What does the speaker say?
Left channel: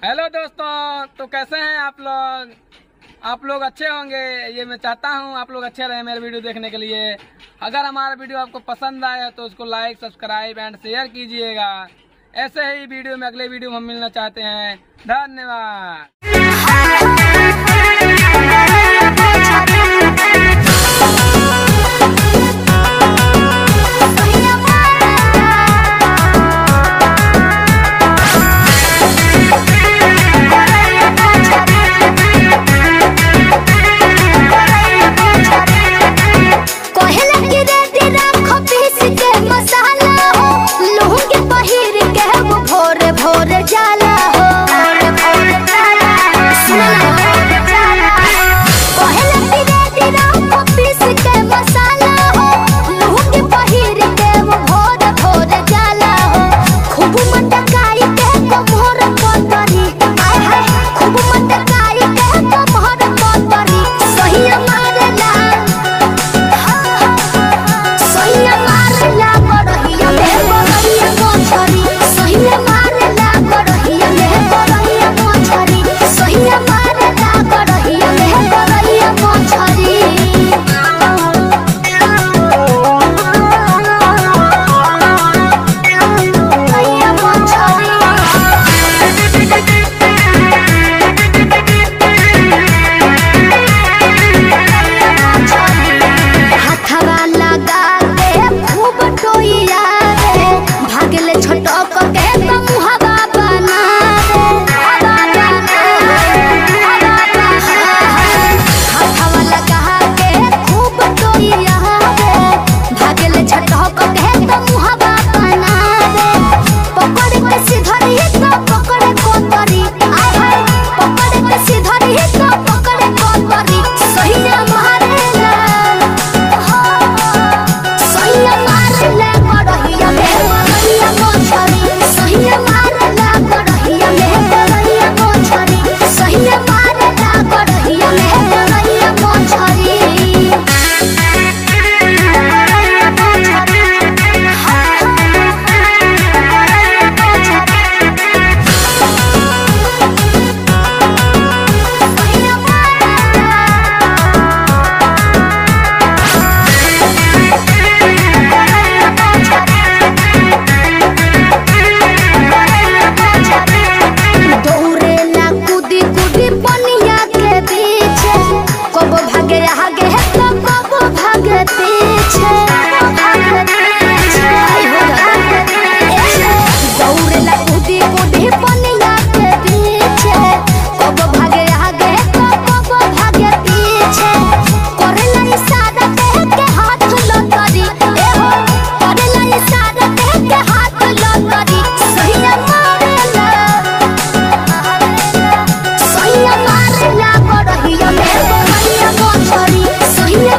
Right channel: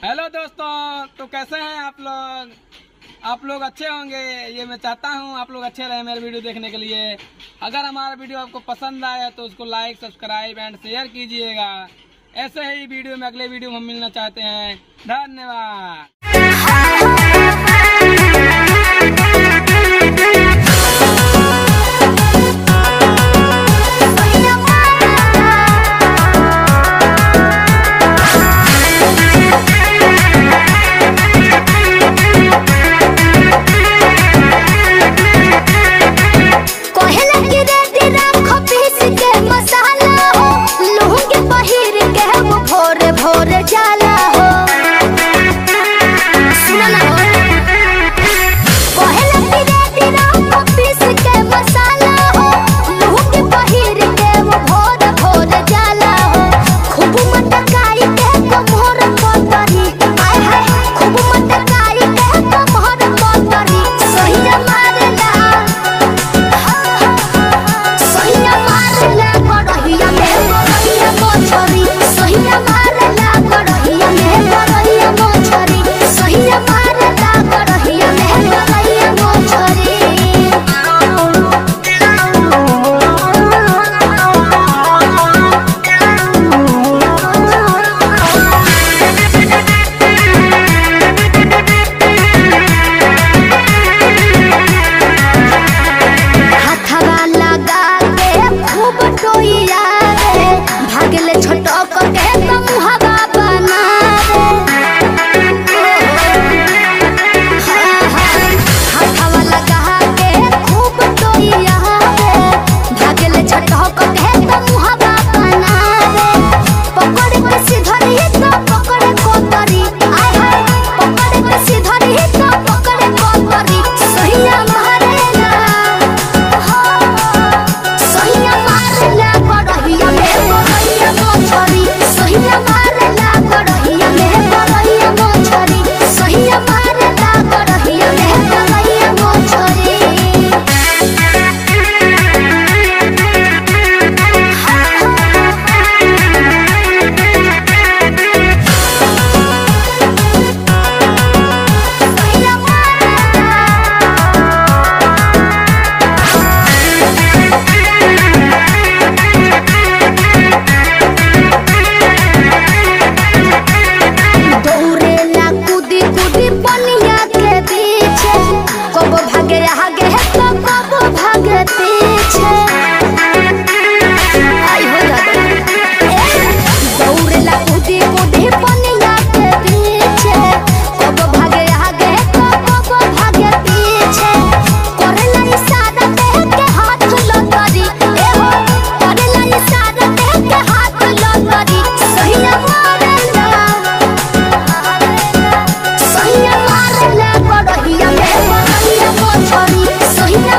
Hello दोस्तों, तो कैसे हैं आप लोग? आप लोग अच्छे होंगे, ये मैं चाहता हूं आप लोग अच्छे रहे मेरे वीडियो देखने के लिए। अगर हमारा वीडियो आपको पसंद आया तो उसको लाइक, सब्सक्राइब एंड शेयर कीजिएगा। ऐसे ही वीडियो में अगले वीडियो में हम मिलना चाहते हैं। धन्यवाद। भोरे जाला हो सुना ना हो कहेला कि रे दिना पीस के मसाला हो लूंग पहिर के वो भोर भोर जाला हो खूब मटकाई के कमर पतरी आय हाय खूब मटकाई के कमर पतरी सहिया मारला सहिया मारला गड़हिया में गड़हिया मोछरी सहिया भागले छोटक के मुहावा बना रे हाथवा लगा के खूब टोइया रे भागले छोटक के मुहावा बना रे पकड़ के सिधरी तो पकड़े कोतरी आय हाय पकड़ के सिधरी तो पकड़े कोतरी सहिया मारेला सहिया मारेला गड़हिया में सहिया मारला गड़हिया में गड़हिया मोछरी सहिया मारला गड़हिया में गड़हिया मोछरी कब भागे आगे तो कब भागे पीछे आई हो दादा दौड़ेला कूदी कूदी पनिया के पीछे कब भागे आगे तो कब भागे पीछे करेला इशारा देख के हाथ लतरी ए हो करेला इशारा देख के हाथ लतरी सहिया मारेला गड़हिया में गड़हिया मोछरी सहिया